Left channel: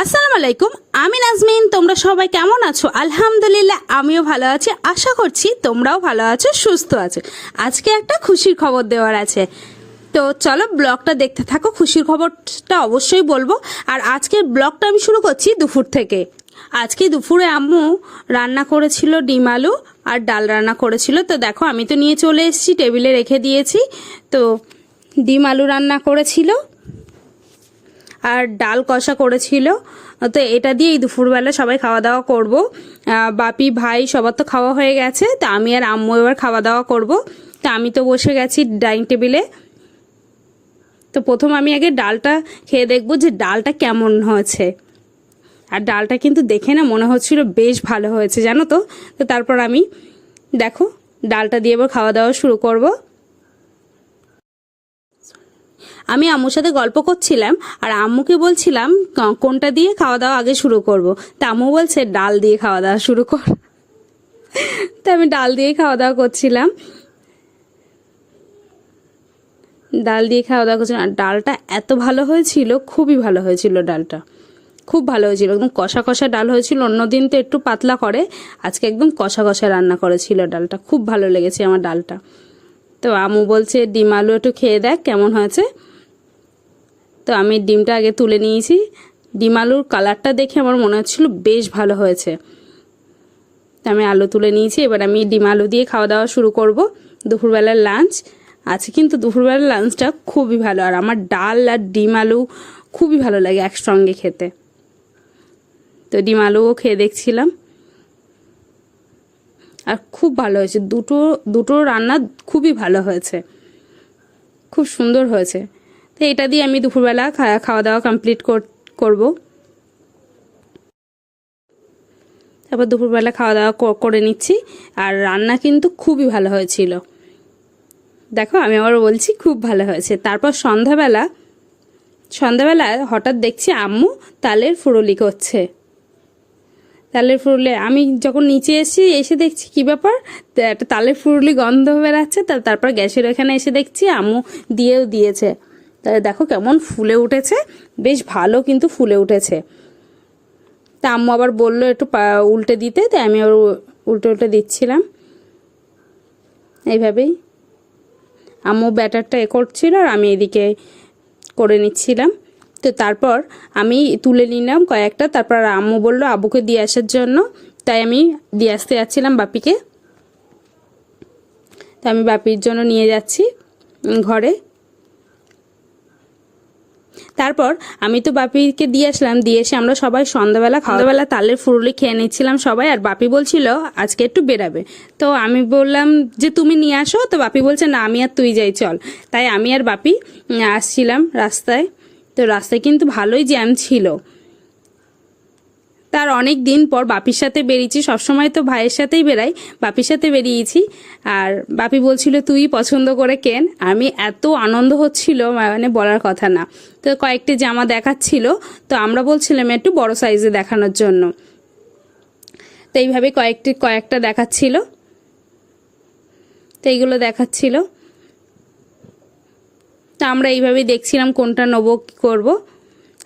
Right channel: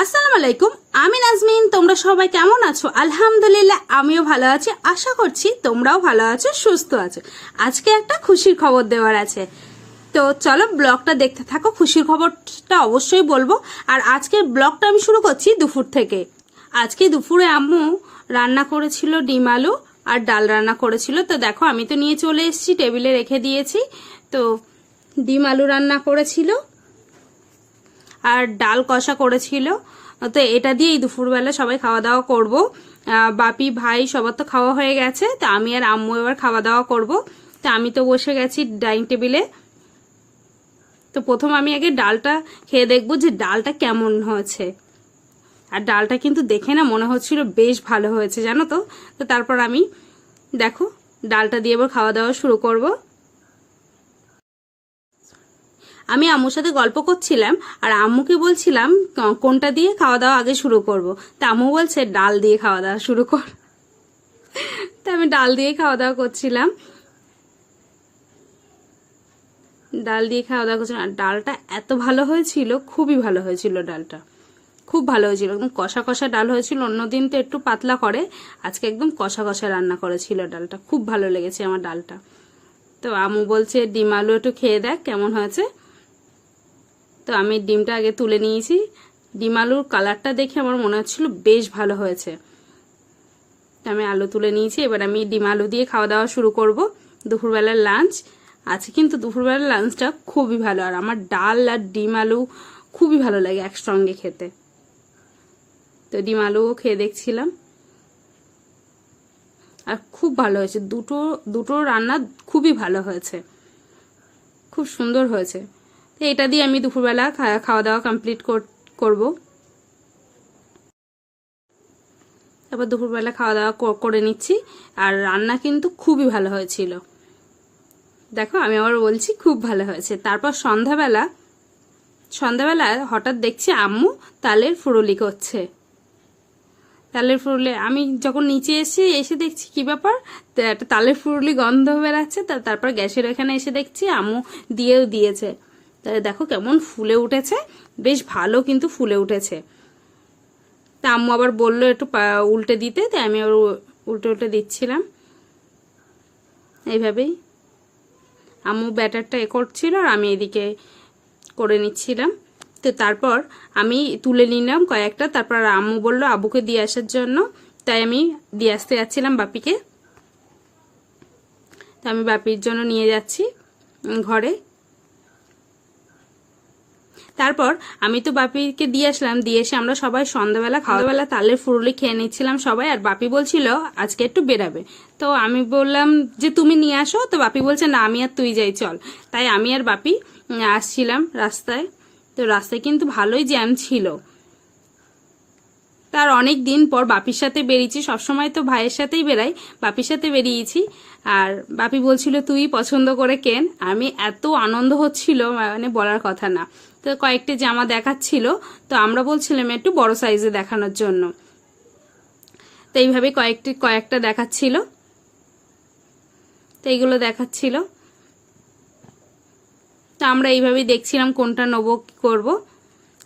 আসসালামু আলাইকুম, আমি নাজমিন। তোমরা সবাই কেমন আছো? আলহামদুলিল্লাহ, আমিও ভালো আছি। আশা করছি তোমরাও ভালো আছো, সুস্থ আছো। আজকে একটা খুশির খবর দেওয়ার আছে, তো চলো ব্লগটা দেখতে থাকো। খুশির খবরটা অবশ্যই বলবো। আর আজকের ব্লগটা আমি শুরু করছি দুপুর থেকে। আজকে দুপুরে আম্মু রান্না করেছিল ডিম আলু আর ডাল রান্না করেছিল। তো দেখো, আমি তো নিয়ে চলে এসেছি, টেবিলে রেখে দিয়েছি। তো ডিম আলু রান্না করেছিল আর ডাল কষা করেছিল। তো এটা দিয়েই দুপুরবেলা সবাই খাওয়া দাওয়া করবো। বাপি ভাই সবার তো খাওয়া হয়ে গেছে, তো আমি আর আম্মু এবার খাওয়া দাওয়া করব। তো আমি তো বসে গেছি ডাইনিং টেবিলে। তো প্রথম আমি আগে ডালটা খেয়ে দেখবো যে ডালটা কেমন হয়েছে। আর ডালটা কিন্তু দেখে না মনে হচ্ছিল বেশ ভালো হয়েছে, জানো তো। তো তারপর আমি দেখো ডালটা দিয়ে এবার খাওয়া দাওয়া শুরু করব। আমি আম্মুর সাথে গল্প করছিলাম আর আম্মুকে বলছিলাম কোনটা দিয়ে খাওয়া দাওয়া আগে শুরু করব। তা আম্মু বলছে ডাল দিয়ে খাওয়া দাওয়া শুরু কর। তো আমি ডাল দিয়ে খাওয়া দাওয়া করছিলাম, ডাল দিয়ে খাওয়া দাওয়া করছিলাম। আর ডালটা এত ভালো হয়েছিল, খুবই ভালো হয়েছিল ডালটা, খুব ভালো হয়েছিল। একদম কষা কষা ডাল হয়েছিল। অন্যদিন তো একটু পাতলা করে, আজকে একদম কষা কষা রান্না করেছিল ডালটা। খুব ভালো লেগেছে আমার ডালটা। তো আম্মু বলছে ডিম আলু একটু খেয়ে দেখ কেমন হয়েছে। তো আমি ডিমটা আগে তুলে নিয়েছি। ডিম আলুর কালারটা দেখে আমার মনে হচ্ছিল বেশ ভালো হয়েছে। তো আমি আলু তুলে নিয়েছি। এবার আমি ডিম আলু দিয়ে খাওয়া দাওয়া শুরু করব। দুপুরবেলার লাঞ্চ আছে, কিন্তু দুপুরবেলার লাঞ্চটা খুবই ভালো। আর আমার ডাল আর ডিম আলু খুবই ভালো লাগে একসঙ্গে খেতে। তো ডিম আলুও খেয়ে দেখছিলাম, আর খুব ভালো হয়েছে। দুটো রান্না খুবই ভালো হয়েছে, খুব সুন্দর হয়েছে। তো এটা দিয়ে আমি দুপুরবেলা খাওয়া দাওয়া কমপ্লিট করব। তারপর দুপুরবেলা খাওয়া দাওয়া করে নিচ্ছি। আর রান্না কিন্তু খুবই ভালো হয়েছিল, দেখো আমি আবার বলছি খুব ভালো হয়েছে। তারপর সন্ধ্যাবেলা হঠাৎ দেখছি আম্মু তালের ফুরুলি করছে। তালের ফুরুলি আমি যখন নিচে এসে দেখছি কি ব্যাপার, একটা তালের ফুরুলি গন্ধ বেরাচ্ছে। তারপর গ্যাসের এখানে এসে দেখছি আম্মু দিয়েছে। তাহলে দেখো কেমন ফুলে উঠেছে, বেশ ভালো কিন্তু ফুলে উঠেছে। তা আম্মু আবার বললো একটু উল্টে দিতে, তাই আমি আবার উল্টে দিচ্ছিলাম। এইভাবেই আম্মু ব্যাটারটা করছিল আর আমি এদিকে করে নিচ্ছিলাম। তো তারপর আমি তুলে নিলাম কয়েকটা। তারপর আম্মু বললো আব্বুকে দিয়ে আসার জন্য, তাই আমি দিয়ে আসতে যাচ্ছিলাম বাপিকে। তো আমি বাপির জন্য নিয়ে যাচ্ছি ঘরে। তারপর আমি তো বাপিকে দিয়ে আসলাম, দিয়ে এসে আমরা সবাই সন্ধ্যাবেলা তালের ফুরুলি খেয়ে নিচ্ছিলাম সবাই। আর বাপি বলছিল আজকে একটু বেরাবে। তো আমি বললাম যে তুমি নিয়ে আসো। তো বাপি বলছে না, আমি আর তুই যাই চল। তাই আমি আর বাপি আসছিলাম রাস্তায়। তো রাস্তায় কিন্তু ভালোই জ্যাম ছিল। তার অনেক দিন পর বাপির সাথে বেরিয়েছি। সবসময় তো ভাইয়ের সাথেই বেরাই, বাপির সাথে বেরিয়েছি। আর বাপি বলছিল তুই পছন্দ করে কেন। আমি এত আনন্দ হচ্ছিল মানে বলার কথা না। তো কয়েকটি জামা দেখাচ্ছিল, তো আমরা বলছিলাম একটু বড় সাইজে দেখানোর জন্য। তো এইভাবে কয়েকটা দেখাচ্ছিল। তো এইগুলো দেখাচ্ছিল। তো আমরা এইভাবেই দেখছিলাম কোনটা নেবো কি করবো।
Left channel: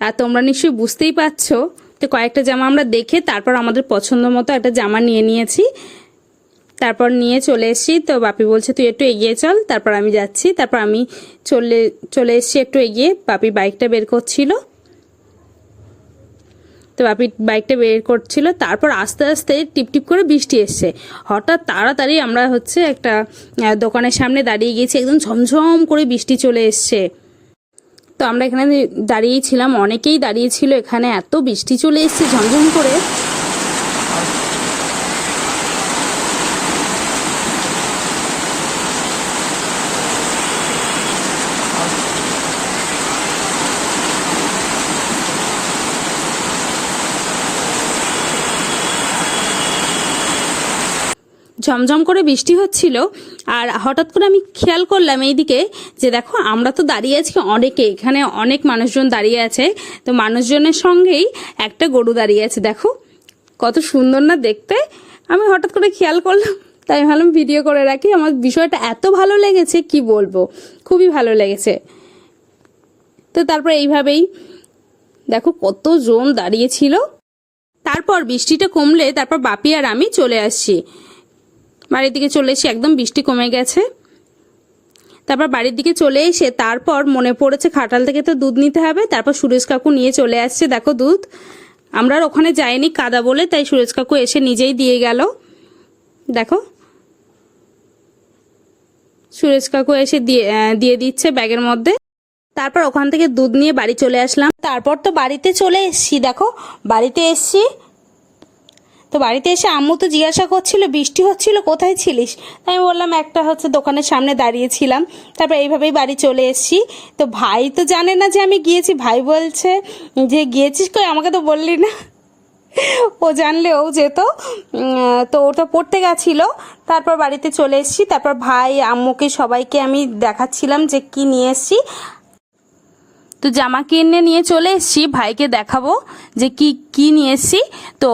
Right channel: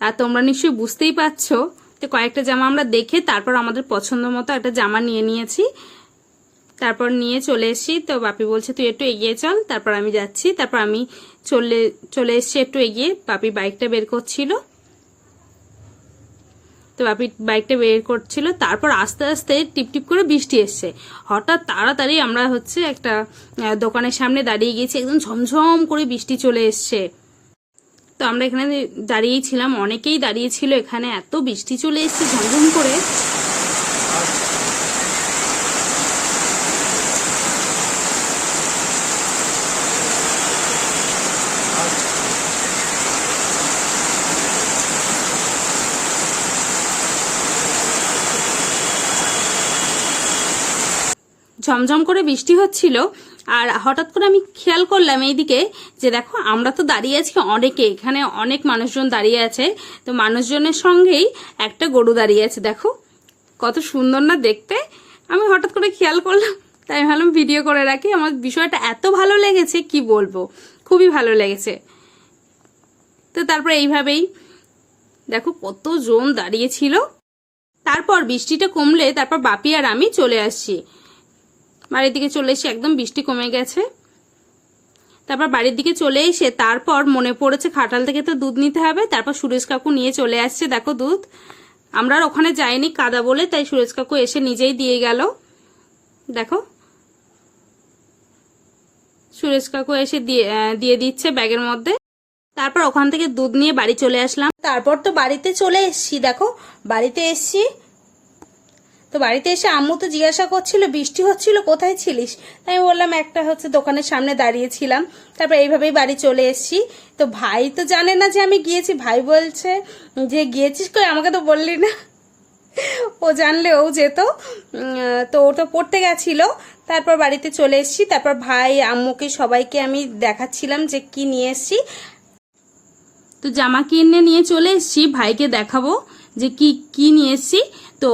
আর তোমরা নিশ্চয়ই বুঝতেই পারছো। তো কয়েকটা জামা আমরা দেখে তারপর আমাদের পছন্দ মতো একটা জামা নিয়েছি। তারপর নিয়ে চলে এসেছি। তো বাপি বলছে তুই একটু এগিয়ে চল। তারপর আমি যাচ্ছি। তারপর আমি চলে এসেছি একটু এগিয়ে। বাপি বাইকটা বের করছিল। তো বাপি বাইকটা বের করছিল। তারপর আস্তে আস্তে টিপটিপ করে বৃষ্টি এসছে। হঠাৎ তাড়াতাড়ি আমরা একটা দোকানের সামনে দাঁড়িয়ে গেছি। একদম ঝমঝম করে বৃষ্টি চলে এসছে। তো আমরা এখানে দাঁড়িয়েই ছিলাম, অনেকেই দাঁড়িয়েছিল এখানে। এত বৃষ্টি চলে এসছে ঝমঝম করে। ঝমঝম করে বৃষ্টি হচ্ছিল। আর হঠাৎ করে আমি খেয়াল করলাম এইদিকে যে দেখো আমরা তো দাঁড়িয়ে আছি অনেকে, এখানে অনেক মানুষজন দাঁড়িয়ে আছে। তো মানুষজনের সঙ্গেই একটা গরু দাঁড়িয়ে আছে। দেখো কত সুন্দর না দেখতে। আমি হঠাৎ করে খেয়াল করলাম, তাই ভাবলাম ভিডিও করে রাখি। আমার বিষয়টা এত ভালো লেগেছে কি বলবো, খুবই ভালো লেগেছে। তো তারপর এইভাবেই দেখো কতজন দাঁড়িয়েছিল। তারপর বৃষ্টিটা কমলে তারপর বাপি আর আমি চলে আসছি বাড়ির দিকে, চলে এসে একদম বৃষ্টি কমে গেছে। তারপর বাড়ির দিকে চলে এসে তারপর মনে পড়েছে খাটাল থেকে তো দুধ নিতে হবে। তারপর সুরেশ কাকু নিয়ে চলে আসছে দেখো দুধ। আমরা আর ওখানে যাইনি কাদা বলে, তাই সুরেশ কাকু এসে নিজেই দিয়ে গেল। দেখো সুরেশ কাকু এসে দিয়ে দিচ্ছে ব্যাগের মধ্যে। তারপর ওখান থেকে দুধ নিয়ে বাড়ি চলে আসলাম। তারপর তো বাড়িতে চলে এসছি, দেখো বাড়িতে এসছি। তো বাড়িতে এসে আম্মু তো জিজ্ঞাসা করছিল বৃষ্টি হচ্ছিল কোথায় ছিলিস, তাই আমি বললাম একটা হচ্ছে দোকানের সামনে দাঁড়িয়েছিলাম। তারপর এইভাবেই বাড়ি চলে এসছি। তো ভাই তো জানে না যে আমি গিয়েছি, ভাই বলছে যে গিয়েছিস কই, আমাকে তো বললি না। ও জানলে ও যেত। তো ওটা পড়তে গেছিল। তারপর বাড়িতে চলে এসছি। তারপর ভাই আম্মুকে সবাইকে আমি দেখাচ্ছিলাম যে কি নিয়ে এসছি। তো জামা কিনে নিয়ে চলে এসছি, ভাইকে দেখাবো যে কি কি নিয়ে এসছি। তো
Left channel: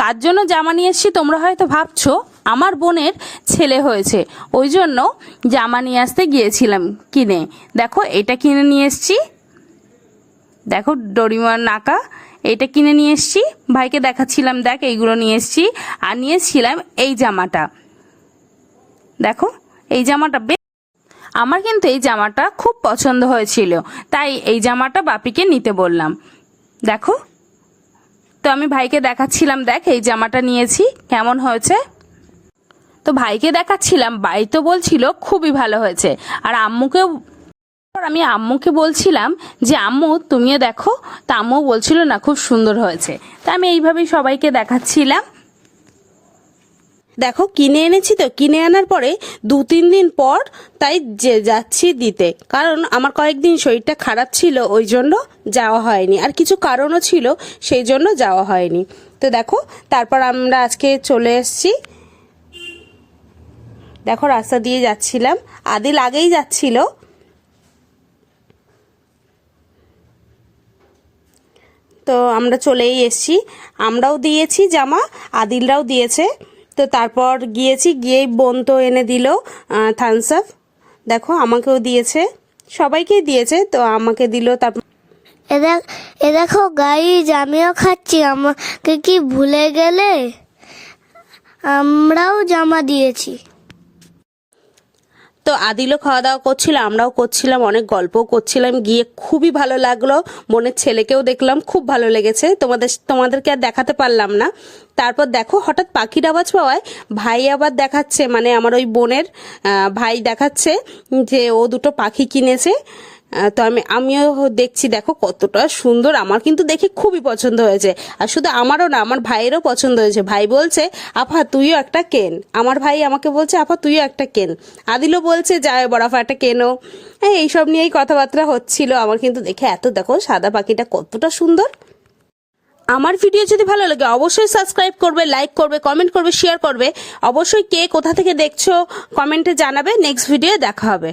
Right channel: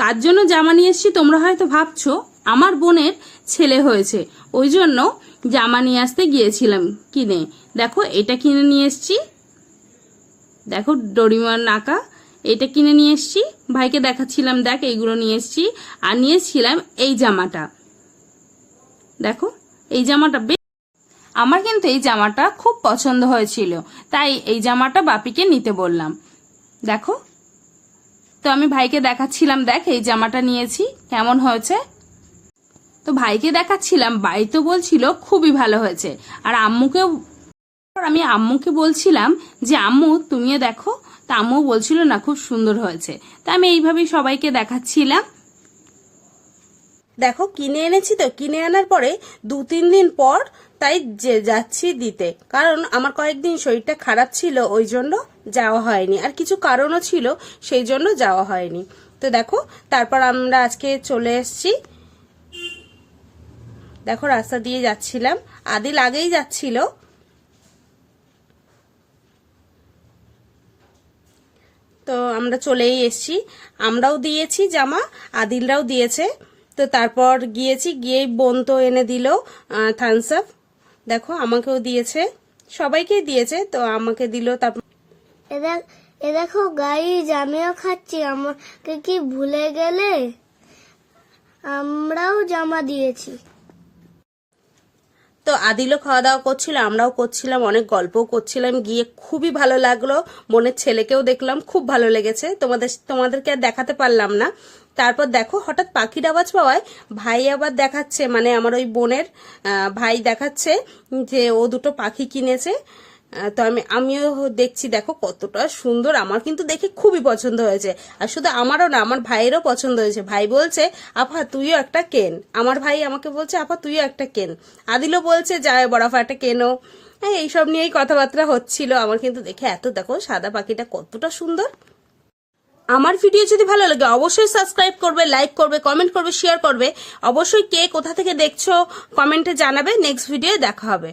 কার জন্য জামা নিয়ে এসছি তোমরা হয়তো ভাবছো, আমার বোনের ছেলে হয়েছে ওই জন্য জামা নিয়ে আসতে গিয়েছিলাম কিনে। দেখো এটা কিনে নিয়ে এসছি, দেখো ডোরিমার নাকা, এটা কিনে নিয়ে এসছি। ভাইকে দেখাচ্ছিলাম দেখ এইগুলো নিয়ে এসছি। আর নিয়েছিলাম এই জামাটা, দেখো এই জামাটা আমার কিন্তু এই জামাটা খুব পছন্দ হয়েছিল, তাই এই জামাটা বাপিকে নিতে বললাম। দেখো তো আমি ভাইকে দেখাচ্ছিলাম দেখ এই জামাটা নিয়েছি কেমন হয়েছে। তো ভাইকে দেখাচ্ছিলাম, ভাই তো বলছিল খুবই ভালো হয়েছে। আর আমি আম্মুকে বলছিলাম যে আম্মু তুমিও দেখো, তা আম্মু বলছিল না খুব সুন্দর হয়েছে। তা আমি এইভাবেই সবাইকে দেখাচ্ছিলাম। দেখো কিনে এনেছি, তো কিনে আনার পরে 2-3 দিন পর তাই যাচ্ছি দিতে, কারণ আমার কয়েকদিন শরীরটা খারাপ ছিল ওই জন্য যাওয়া হয়নি, আর কিছু কারণও ছিল সেই জন্য যাওয়া হয়নি। তো দেখো তারপর আমরা আজকে চলে এসেছি। দেখো রাস্তা দিয়ে যাচ্ছিলাম, আদিল আগেই যাচ্ছিল। তো আমরা চলেই এসেছি, আমরাও দিয়েছি জামা, আদিলরাও দিয়েছে। তো তারপর গিয়েছি, গিয়েই বোন তো এনে দিল থামস আপ। দেখো আমাকেও দিয়েছে, সবাইকেই দিয়েছে, তো আমাকে দিল। তারপর এ দেখো গাইজ আমিও খাচ্ছি, আমাকে কি ভুলে গেলে? আমরাও জামা দিয়েছি। তো আদিলও খাওয়া দাওয়া করছিল, আমরাও করছিলাম, অনেক গল্পও করছিলাম। গিয়ে খুবই ভালো লাগলো, বোনের ছেলেকেও দেখলাম, খুব ভালো লেগেছে। তোমাদেরকে আর দেখাতে পারলাম না। তারপর দেখো হঠাৎ পাখির আওয়াজ পাওয়ায় ভাই আবার দেখাচ্ছে, মানে আমার ওই বোনের ভাই দেখাচ্ছে যে ও দুটো পাখি কিনেছে। তো আমিও দেখছি, দেখো কতটা সুন্দর, আমার কিন্তু দেখে খুবই পছন্দ হয়েছে। আর শুধু আমারও না, আমার ভাইয়েরও পছন্দ হয়েছে। ভাই বলছে আপা তুইও একটা কেন, আমার ভাই আমাকে বলছে আপা তুইও একটা কেন। আদিলও বলছে যায় বড়াফা একটা কেনো। এইসব নিয়েই কথাবার্তা হচ্ছিল। আমার কিন্তু দেখে এত, দেখো সাদা পাখিটা কতটা সুন্দর। আমার ভিডিও যদি ভালো লাগে অবশ্যই সাবস্ক্রাইব করবে, লাইক করবে, কমেন্ট করবে, শেয়ার করবে। অবশ্যই কে কোথা থেকে দেখছো কমেন্টে জানাবে। নেক্সট ভিডিও দেখা হবে।